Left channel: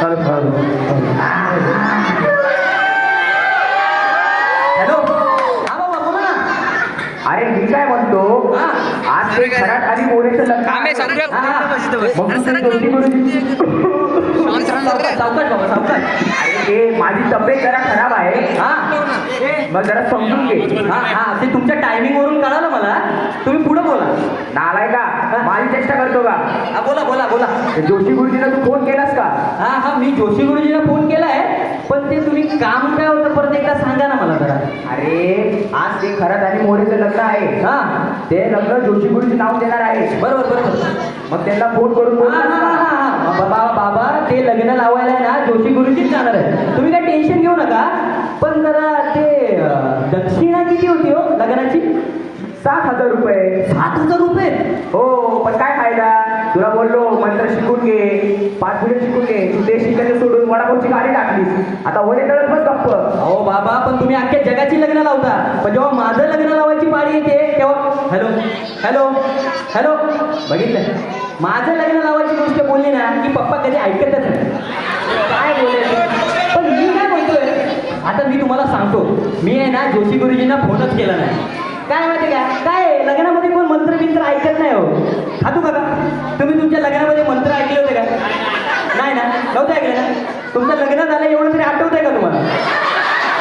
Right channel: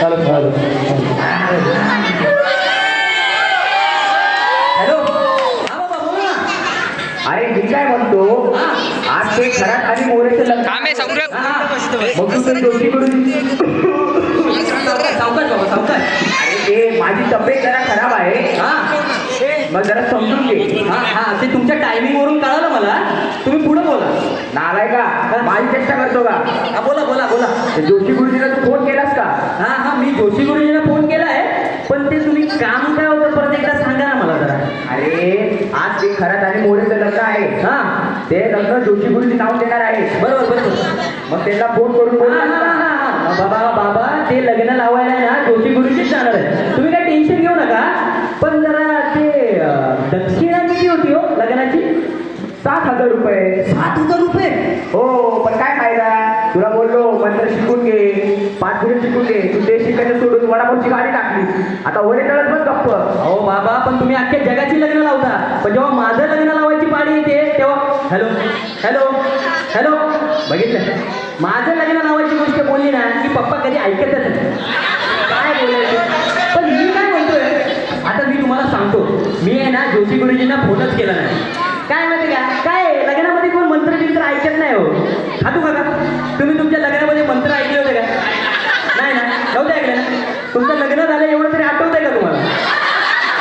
Hello, हा बाबा बोला ना. अरे मी काय म्हणतो, आज ते घरात आणि मोरेचं लग्न. मग तू ते जोशी सावकाश बाबा सावकाश. अरे ते माझी तब्येत जरा खराब आहे, हा मग जरा समजून घे. हा हा ते तुमच्या टायमिंग वरून कळालं मला. तुम्ही पुढे बोला. नालाय का, माझी चेष्टा करतो का? हा बोला बोला बोला. ते जोशी गुरुजीला तू फोन केलास का? हा हा मी जोशी गुरुजीला फोन केलाय, पण ते तुम्ही काम काय होतं परत एकदा सांगा ना मला जरा. अरे आज ते घरात आणि मोरेचं लग्न आहे. हा ते लग्न जोशी गुरुजी नाव देणार आहे. बरोबर बरोबर. मग त्यांना फोन करून बोल. बाबा बाबा ते लग्न लावायला ना जोशी गुरुजीच जाणार आहे. तुम्ही काय टेन्शन घेऊ नका. पण जरा ते दक्षिणा किती होती हो लग्नाची? 7,000 रुपये. 7,000 रुपये? हो, पण काय फायदा? तुला बोललो मंत्र शिकून घे, 5 मिनिट शिकून घे. तू ते शिकायचं सोडून वडापावची गाडी टाकलीस. आता वडे तळत बस गप्प. हो बाबा, पण तुम्ही अख्ख्या जगाची लग्न लावता, पण जेव्हा माझं लग्न लावायची पाळी येते तेव्हा हॅलो हॅलो हॅलो बघितलं, माझं लग्न लावायची गोष्ट बोलली ना की पप्पा कधी ऐकतच नाही. काय बोलायचं? पण मी काय म्हणतोय, आता मी तुम्हाला सांगतो, मी आहे ना जोशी गुरुजींना फोनच केला नाही. काय माहिती का, काय लग्नामध्ये कोण मंत्र बिंत्र ऐकत नाही हो. खातू का तुम्ही तुमच्या लग्नामध्ये मंत्र ऐकले होते का? नाही ना, नव्हते ऐकले ना. तुमचं लग्न झालं एवढं तरी आठवतंय का तुम्हाला?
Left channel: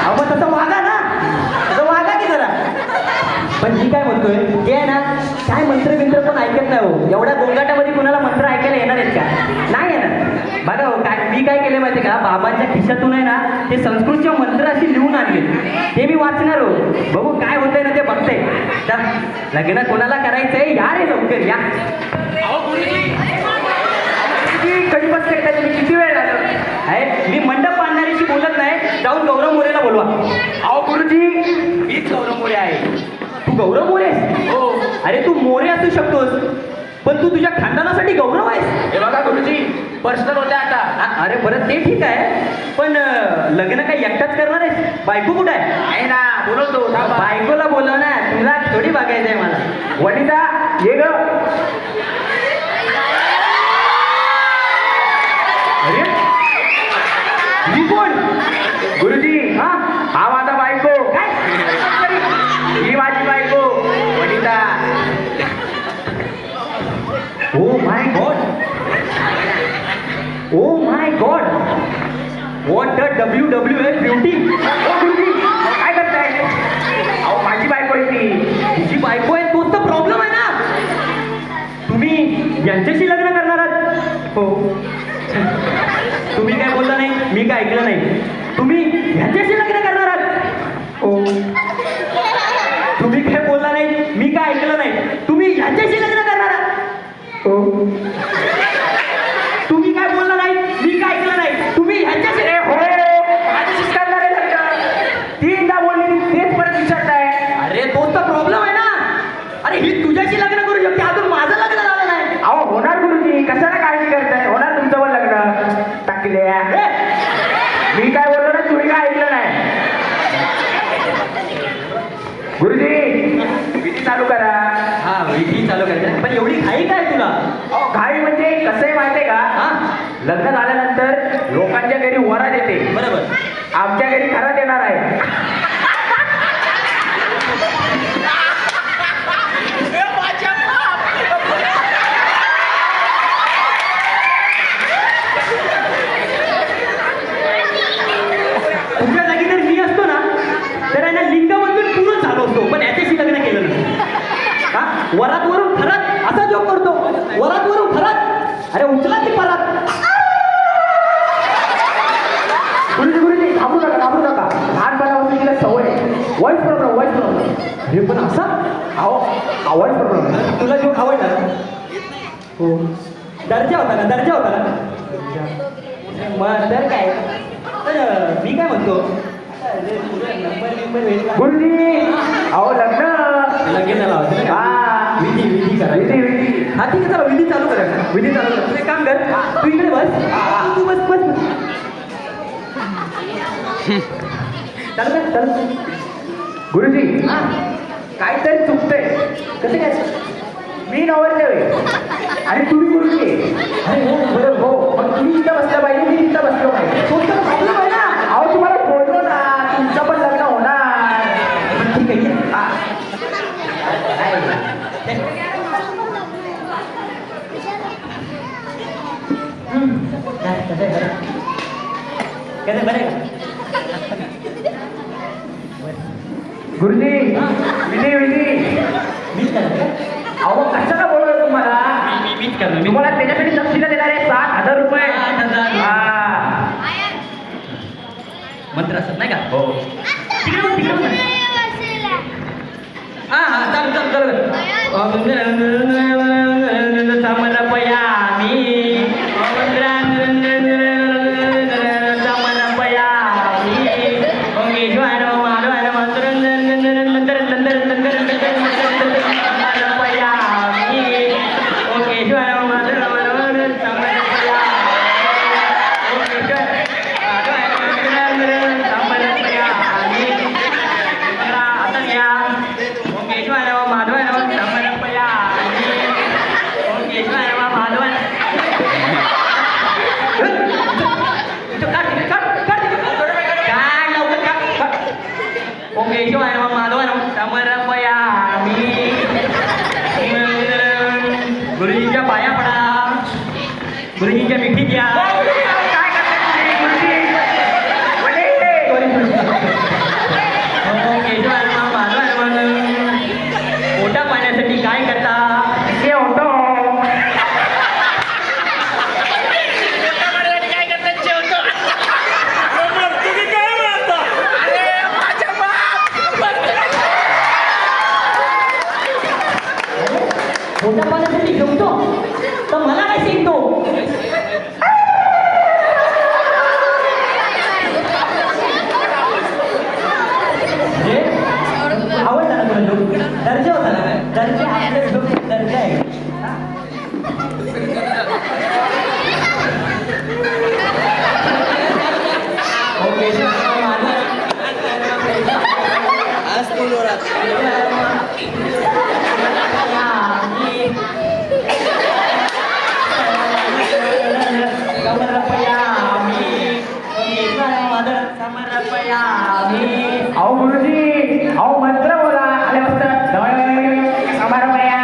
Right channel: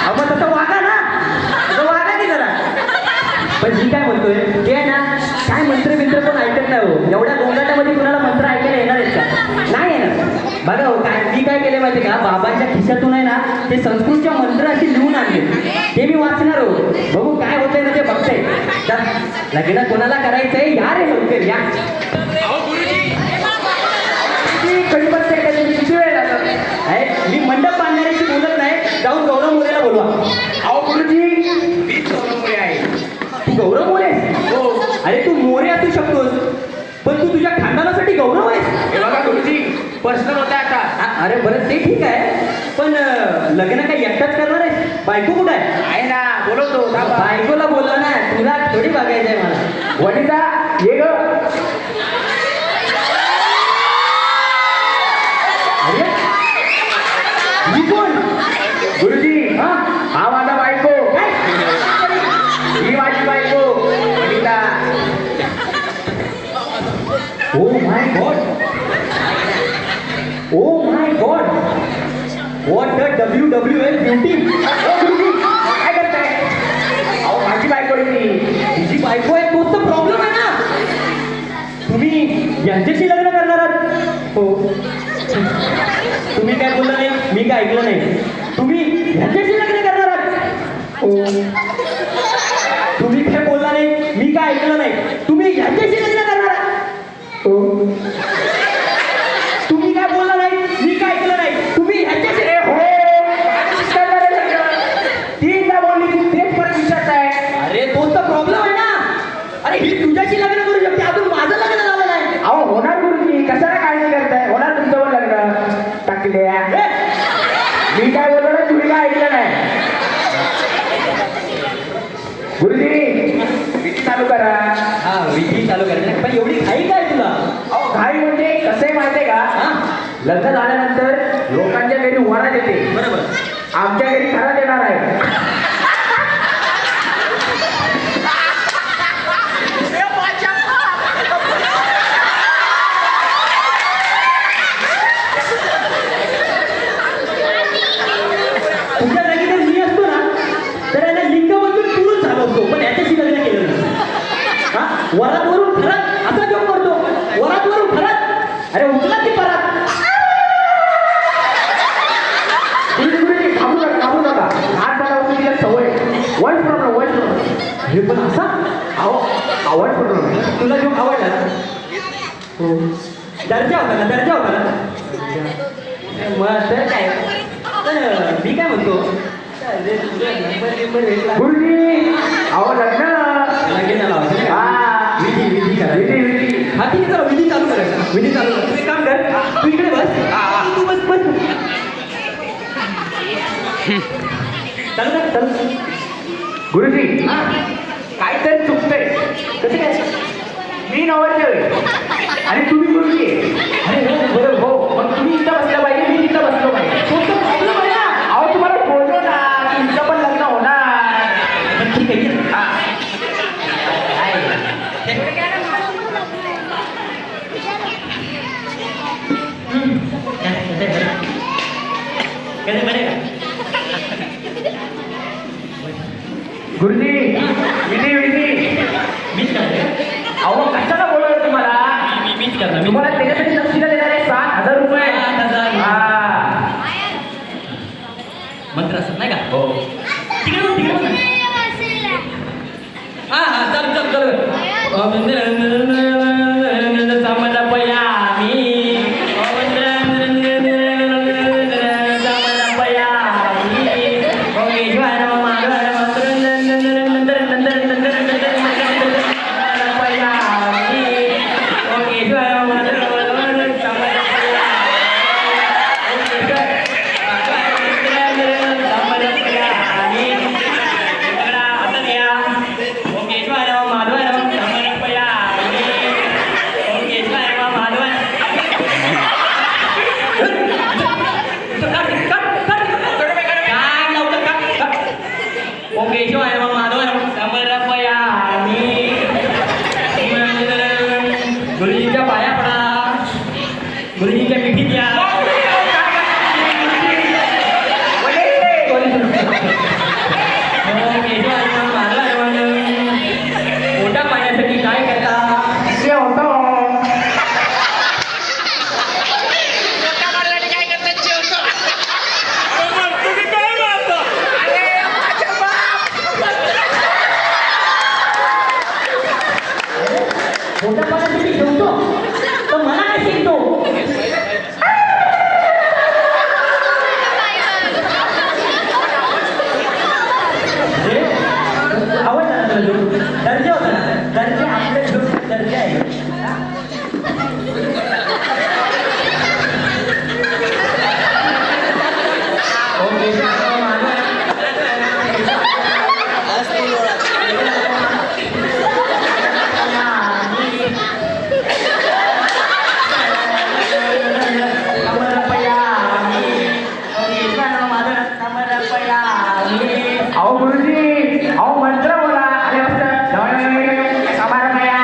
अहो मग तसं वागा ना, तसं वागा की जरा. पण मी काय म्हणतोय की आहे ना, काय मंत्र बिंत्र कोण ऐकत नाही हो. एवढ्या गोंगाटामध्ये कुणाला मंत्र ऐकायला येणार आहेत का? नाही येणार. बघा हो, काय मी काय केलं माहिती का, बाबांच्या खिशातून आहे ना ते संस्कृतचे मंत्र अशी लिहून आणले, ते मी वाचणार हो. बघू काय होतंय ना ते बघते. लग्न कोणाला करायचंय, या रे लवकर या. कधी बसते किती वेळ लागला? आहे मी मंडप बांधणाऱ्याशी बोलत नाही, जाऊन गौरव मोरेला बोलवा. अहो गुरुजी, मीच गौरव मोरे आहे. तू गौरव मोरे? हो. अरे तू मोरे असू शकतोस, पण तू तुझ्या खानदानासाठी गौरव आहेस. हे बघा गुरुजी, पर्सनल होता आता. अरे बरं ते ठीक आहे, पण लग्न काही एकटाच करणार आहेस? बायको कुठं आहे ना, बोलवतो. बायकोला बोलव ना, तुला थोडी बघायचं आहे मला. वनिता ये ग. अरे ही कोण? गुरुजी, हा माझा बायको. काय? ही माझी बायको Vanita. Oh my God, oh my God, what the WWF beauty. गुरुजी काय करताय? अहो माझी बायको आहे ती. तुझी बायको आहे, तोच तर प्रॉब्लेम आहे ना. तुम्ही यांच्याशी लग्न करणार आहात? हो. तुम्ही काय बोलला नाही, मी काय ऐकलं नाही. तुम्ही यांच्याशी लग्न करणार आहात? हो. तुम्ही काय बोलला नाही, मी काय ऐकलं नाही. तुम्ही यांच्याशी लग्न करणार आहात? हो. तुम्ही काय बोलला नाही, मी काय ऐकलं नाही. तुम्ही ह्यांच्याशी हो माझ्याशीच करणार आहे लग्न. तीनदा बोलली, तेच परत विचारताय. अरे तोच तर प्रॉब्लेम आहे ना. अरे ही तुझ्याशी लग्न करू शकते, अजून माझं लग्न झालं नाही. अहो होणार गुरुजी, कशाला काळजी करताय? होणार तुमचं पण लग्न. टाकल्या मी काय बोललो ना, तुम्ही काय ऐकलं नाही. गुरुजी विधी चालू करा. हा विधी चालू करायचं, पण एवढी घाई काय तुला? अहो घाई म्हणजे कसं आहे माहितीये का, हा लग्न झाल्यानंतर लोकांच्या घरी वरात येते, बरोबर. आमच्या घरी खरात येणार आहे. तुझ्या जागी जर मी असतो ना, तर यांना लिंग बदलून पूर्ण झालो असतो, पण याच्याशी लग्न केलं नाही. हा वरात वरून खरात असा जोक करतो, वरात वरून खरात. अरे उचला ती परत. गुरुजी घाबरू नका, घाबरू नका. लहानपणापासून तिला सवय. Voice problem, voice problem. हे पण असा अहो वॉइस प्रॉब्लेम. तुला जो आवडला ना, दर्जा होता ना, दर्जा होता ना. मग तर काय, तर मी काय म्हणतो, गुरुजी अहो लग्न लगेच लावायचं नाही का? हा. विधी विधी करा. विधी विधी. हा ठीक आहे, चला विधी चालू करायचा. विधी चालू कर. तू एक काम कर, तू इकडे बस, तू बस बस. चल चल. गुरुजी काहीतरी चुकतंय. कसं काय? मी नवरदेव आहे आणि तुम्ही गुरुजी आहे. अरे हो, हो, मग तुम्ही इथं बसलं पाहिजे, मी तिथं कसं बरे का? गुरुजी विधी विधी मीच करणार. अहो कशाला बोलवलं तुम्हाला मीच करणार. तुम्हाला त्याच्यासाठी दक्षिणा देणार आहे 7,000 रुपये. 7,000. हा. मंत्र असत नाही का? हो. तिकडे हा हा चालू. गुरुजींच्या पाया पडा. गुरुजींच्या मिठीत या. पोटा पाण्यासाठी काय करता? हे होतो. पोटा पाण्यासाठी जेवतो तर मला नाही शिकतो. आवडला ना तुला लोक? दर्जा होता ना? दर्जा आपल्या लोक दर्जा आहे. अहो गुरुजी अहो मंत्र बोला आले असतं समारंभया.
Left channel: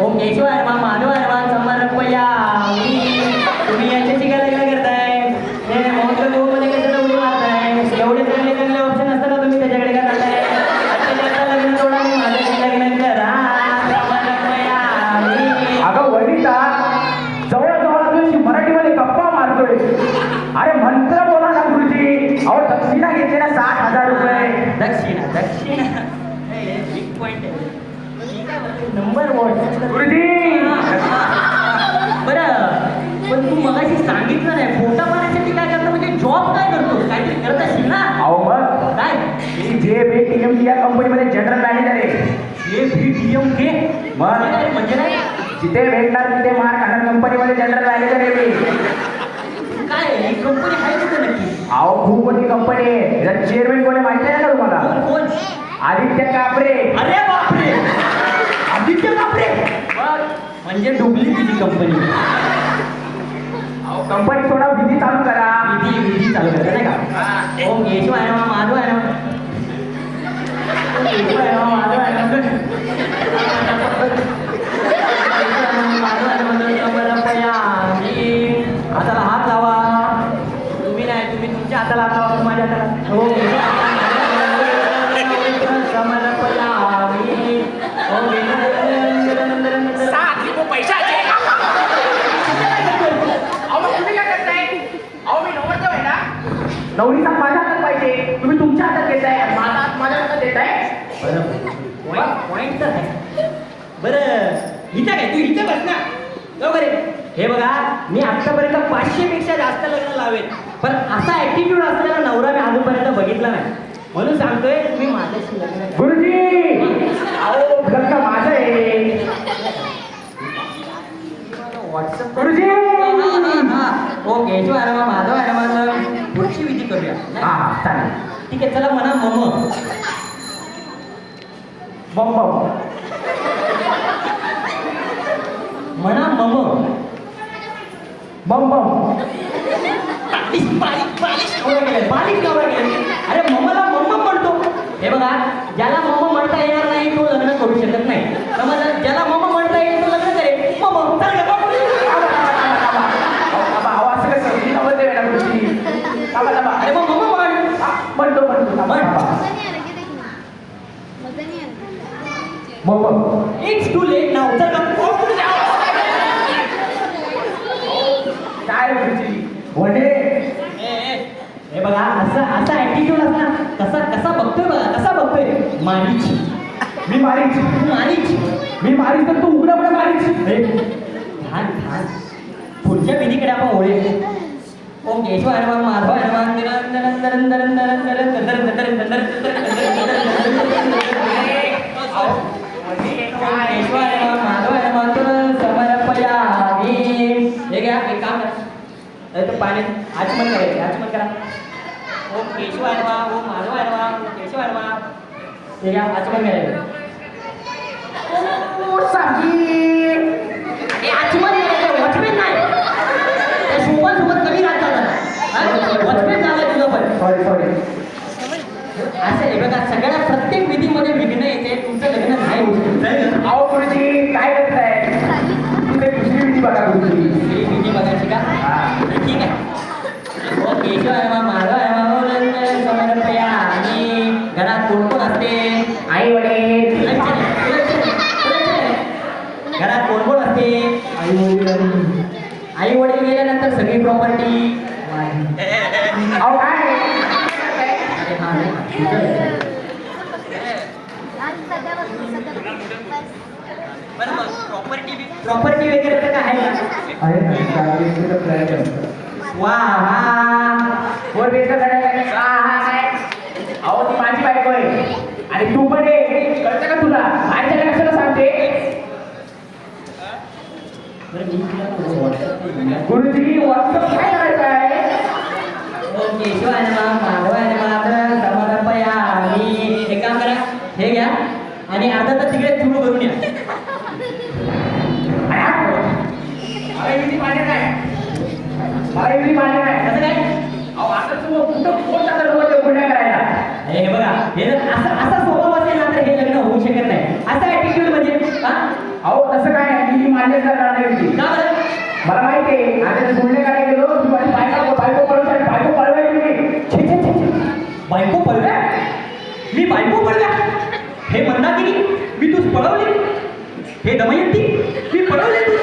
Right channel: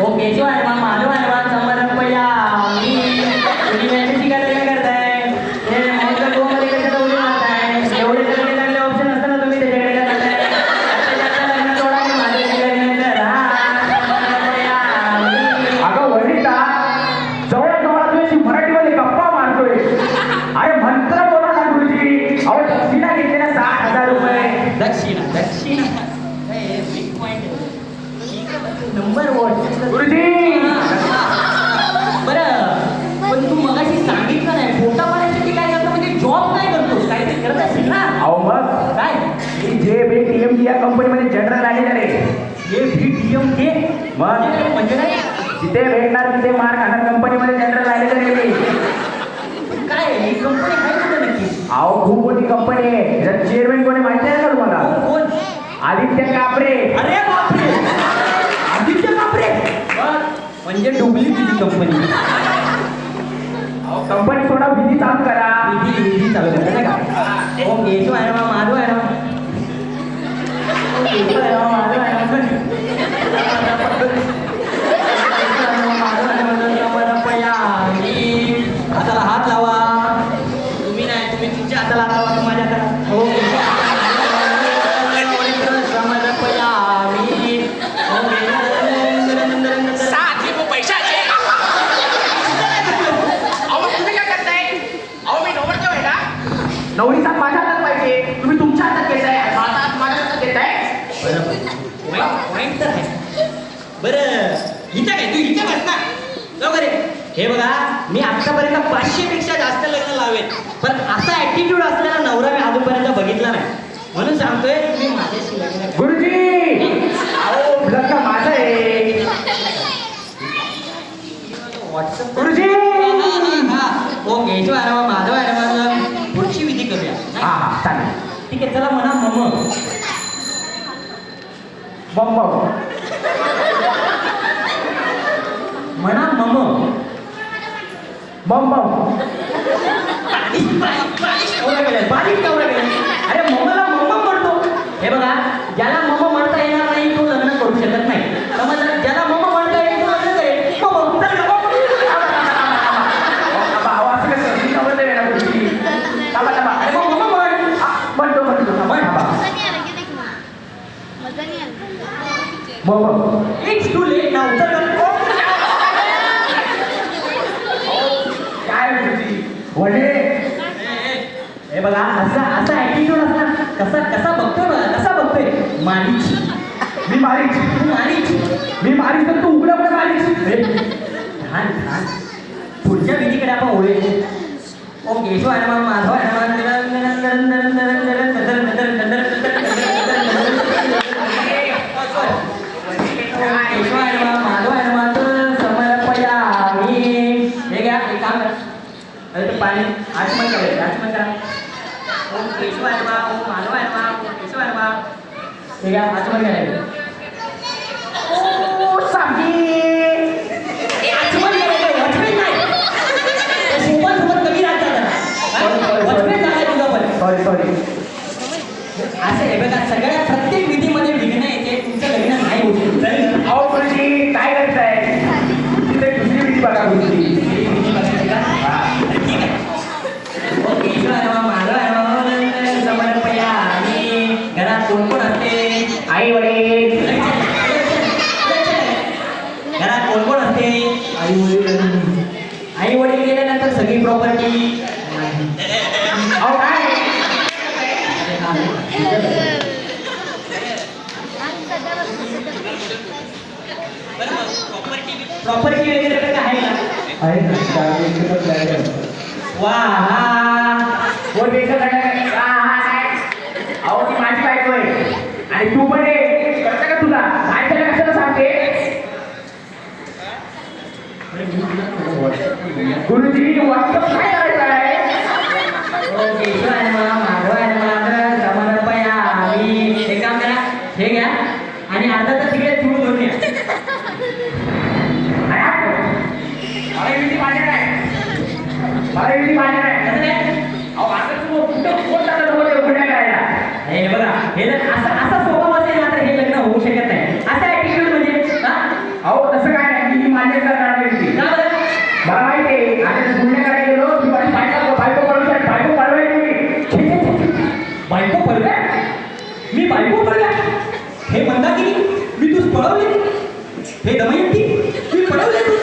ओ केशव आहे मग माधव आहे मग समर्पया. तुम्ही याच्याशी काय लग्न करताय? हे मंत्र गोमध्ये कशाला उडी मारताय? एवढे चांगले चांगले ऑप्शन असताना तुम्ही त्याच्याकडे काय करताय? त्याच्यात लग्न सोडा आणि माझ्याशी लग्न करा. समर्पया. अगं वनिता जवळजवळ तुझ्याशी मराठीमध्ये गप्पा मारतोय. अरे मंत्र बोला ना गुरुजी. अहो दक्षिणा घेतली ना 7,000 रुपये. दक्षिणा बिग पॉइंट आहे. Number one. गुरुजी बरं पण तू मगाशी सांगितलं नाही पोटा पाण्यासाठी काय करतो म्हणजे जॉब काय करतोस? काहीतरी करत असशील ना? अहो मग काय मी JBTMT या कंपनीमध्ये जनरल मॅनेजर आहे. हे VTM के मग म्हणजे नाही जिथे भेटणार तिथे मार खाणार कंपनीमध्ये जनरल मॅनेजर आहे मी. काय ही कंपनी आहे कुठं नक्की? अहो खूप मोठी कंपनी आहे. याचा चेअरमॅन कोणी माहिती आहे का तुम्हाला? कोण? आदित्य कापरे. अरे बापरे आदित्य बापरे. बघ, म्हणजे डुबली तुझी कंपनी. अहो कंपनी थोडा विधी चालू करा. विधी चालू करते नाही का? ओ केशव आहे मग माधव आहे ना? केशव आहे मग माधव आहे ना? हाताला हात लावा. तुम्ही नाही तुम्ही तुमच्या हाताला हात लावा. माझ्या हाताला हो. पैशाचे अहो मग तुम्ही काय करताय? अहो मी नवरदेव आहे ना. नवरीचा माझ्या हातात पाहिजे. तुम्ही तुमच्या हातात घेताय. माझा हात माझ्या हातात देताय. पॉइंट तर आहे. बरं इथं काय तू इथे बस ना लवकर ये. हे बघा मी आतापर्यंत 500 पेक्षा जास्त लग्न लावेल पण असा ऍटिट्यूड असलेला नवरा मी अजूनपर्यंत बघितला नाही. म्हणून सांगतोय तुम्ही माझ्याशी लग्न करा. गुरुजी अहो लग्न माझं आहे. व्हॉट्सअप गुरुजी हो केशव आहे ना माधव आहे ना पुढची विधी करूया. हा चालेल. ठीक आहे चला म्हणा मम बम बम म्हणा मम बम बम. बारीक नवरा गेले. अरे मम्माला मम्मा म्हणतो. हे बघा ज्याला मम्मा म्हणता येणार नाही तो लग्न करू शकत नाही. समजा ज्याला मम्मा म्हणता येईल तो लग्न करेल. वडे हे बघा असा असा ऍटिट्यूड असला कसा कसा बघतोय बघा कसा बघतोय मारीच मी मारीच मारीच मी मारीच तर तू उघडं पण मारीच छान छान पुढच्या विधीकडे आपण वळूया ओम केशवाय नमः माधवाय नमः केशवाय नमः माधवाय नमः समर्पयामि हे घ्या एक काम करा अरे तो पाणी आचमन करा ओम केशवाय नमः ओम माधवाय नमः ओम केशवाय नमः हे घ्या आचमन करायचं ओ साबी हे आचमन करायचं वॉचमॅन नाही त्या सोबत कमी राहत चालला वॉचमॅन झाला तुझा पण सॉरी असं हे बघा सगळ्या प्रत्येक विधीमध्ये विघ्न येते तुमचं लग्न नाही होऊ शकत अहो गुरुजी काय करताय तिथे दुसरी विधी बघा गुरुजी ही विधी बघायची का तर ठीक आहे ओ केशवाय नमः माधवाय नमः समर्पयामि घरात कोण कोण असते आई वडील घरात कोण कोण असते आई वडील गेल्यानंतर सगळी प्रॉपर्टी अहो काय प्रॉपर्टी वगैरे तर काय आहे आहे ना गावाकडे प्लॅन आहे वा वर बेसन आहे अहो ती माझी बायको आहे आणि तू पण ये कळतं का तुला आणि त्याला कशाला सांगते गुरुजी वास्तव काय करायचं आहे ओ केशवाय नमः माधवाय नमः समर्पयामि एक काम करा हे घ्या आणि अर्धा तास तिकडे चूळ भरून या मला विधी मान्य नाही मला विधी मान्य नाही कसं काय अहो आता तू कुठं फोन झाला तुम्हाला उघड्या करायला हे बघा हे जर असा स्वभाव असेल ना तर हे लग्न होऊ शकत नाही असं ऍटिट्यूड म्हणजे हा अहो तसं काय नाही मी मान्य करणार नाही विधी का बरं? मला माहिती आहे आता गुन्हे करायला गेलो की माझी बायको पळवायची मी छे, छे, छे, छे. बायको पळव्या मी बायको पळव्या हे मंदाकिनी मी तूच पळवली हे दमयंती मी पळवले तू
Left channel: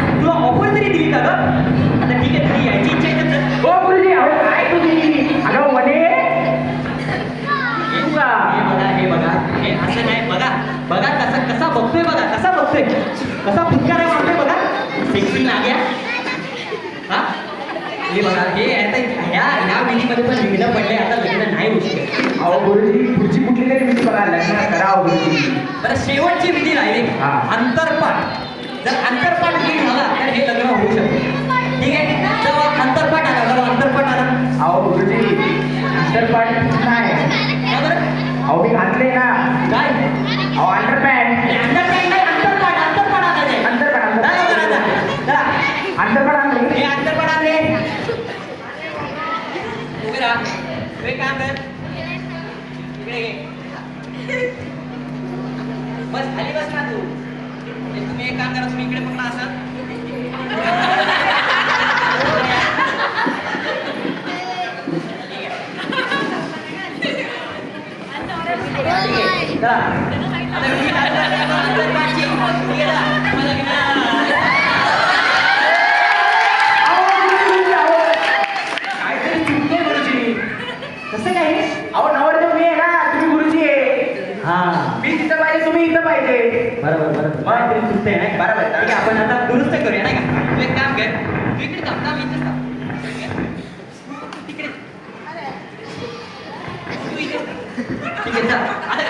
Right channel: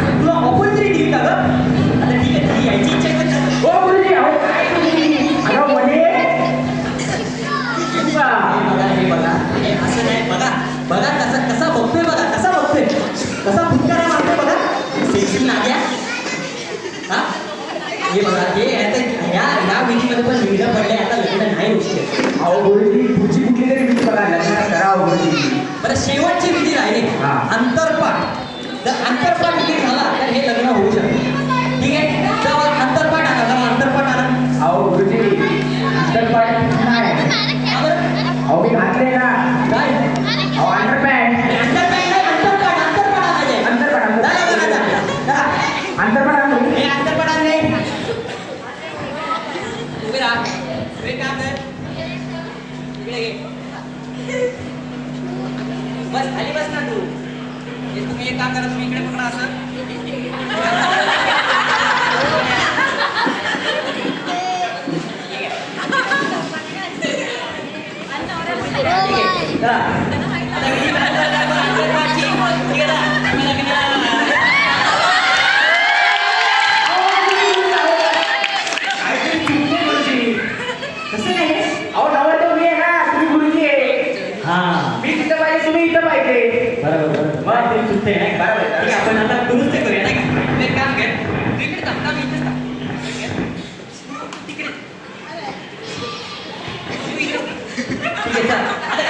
तुला ऑफर तरी दिली का ग आता ठीक आहे तुझी यायची इच्छा आहे तर चल. हो गुरुजी अहो काय तुम्ही अगं म्हणे हे बघा हे असं नाही बघा बघा कसा बघतोय बघा कसा बघतोय कसा फुटकारा वाटतोय बघा सेक्सी नाग्या हा हे बघा हे आता ह्या विधीमध्ये पण विघ्न पडलंय आता लग्न नाही होऊ शकत अहो गुरुजी पुढची कुठली तरी विधी बघा लग्न करावं गुरुजी बरं शेवटची विधी राहिली हा. अंतरपाठ जर अंतरपाठ विधी झाला तर हे लग्न होऊ शकतं ठीक आहे जेव्हा अंतरपाठ आला अहो गुरुजी अंतरपाठ नाही का बरं अहो मी घातले ना काय अहो अंडरपॅन्ट अंतरपाठ नाही अंतरपाठ आणायचे अंतरपाठ अंतरपाठ आणले हे अंतरपाठ आणले उभी राहा तू एक काम कर इकडे घे बस खाली बस ना तू हे तुम्ही एक काम करा तुम्ही इकडे पकडा असं ठीक आहे चला आता मी अंतरपाठची ठीक आहे ना तुम्ही लग्न काहीतरी चुकते गुरुजी कसं काय अहो नवरदेव मी आहे ना तुम्ही गुरुजी आहे हां मी तिथं पाहिजे तुम्ही इथं पाहिजे बरोबर काहीतरी चुकतंय नाही का बरोबर ठीक आहे आपण आता दुरुस्त करूया नाही का तू एक काम कर तू इकडे थांब मी इथेच थांब तिकडे तू इथे. ठीक आहे चल आता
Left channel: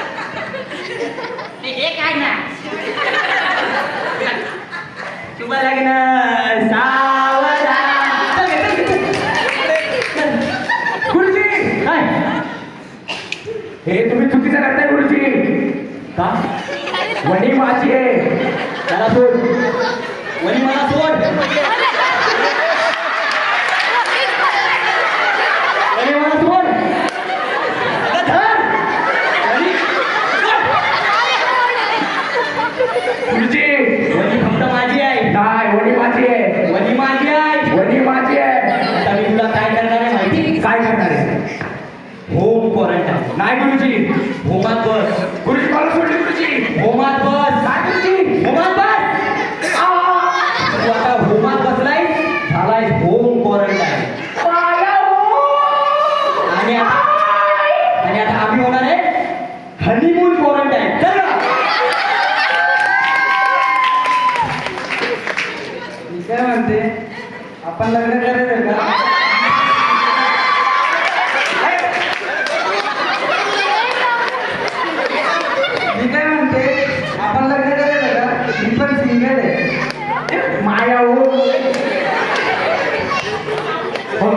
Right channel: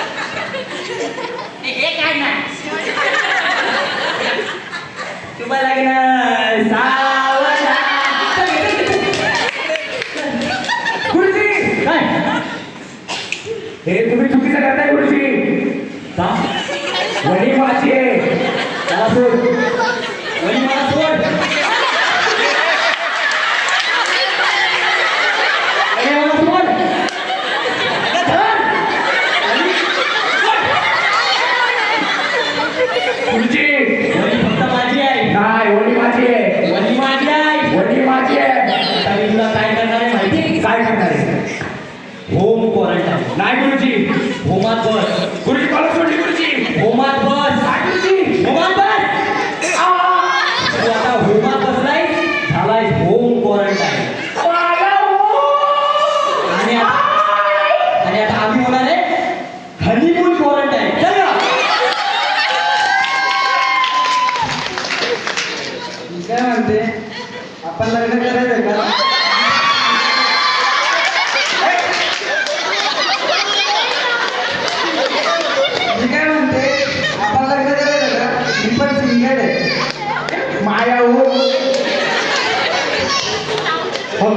हे काय नाही शुभ लग्न सावधान चल, गुरुजी काय हे तुम्ही चुकीचं करताय गुरुजी का वडी माझी आहे त्याला सोड वही मला सोड वही मला सोड अगं धर. वही सोड. गुरुजी वही फक्त माझी आहे काय वडी माझी आहे वही माझी आहे वडी माझी आहे आता मी तुला काय करणार आहे माहिती आहे काय करणार आहे होम क्वारंटाईन नाही गुरुजी होमात बस गुरुजी कॉल सोडली गुरुजी होमात बस काय गुरुजी होमात बस तू आता होमात बसलाय झालाय होम क्वारंटाईन काय म्हणते आपण लग्न करायचं का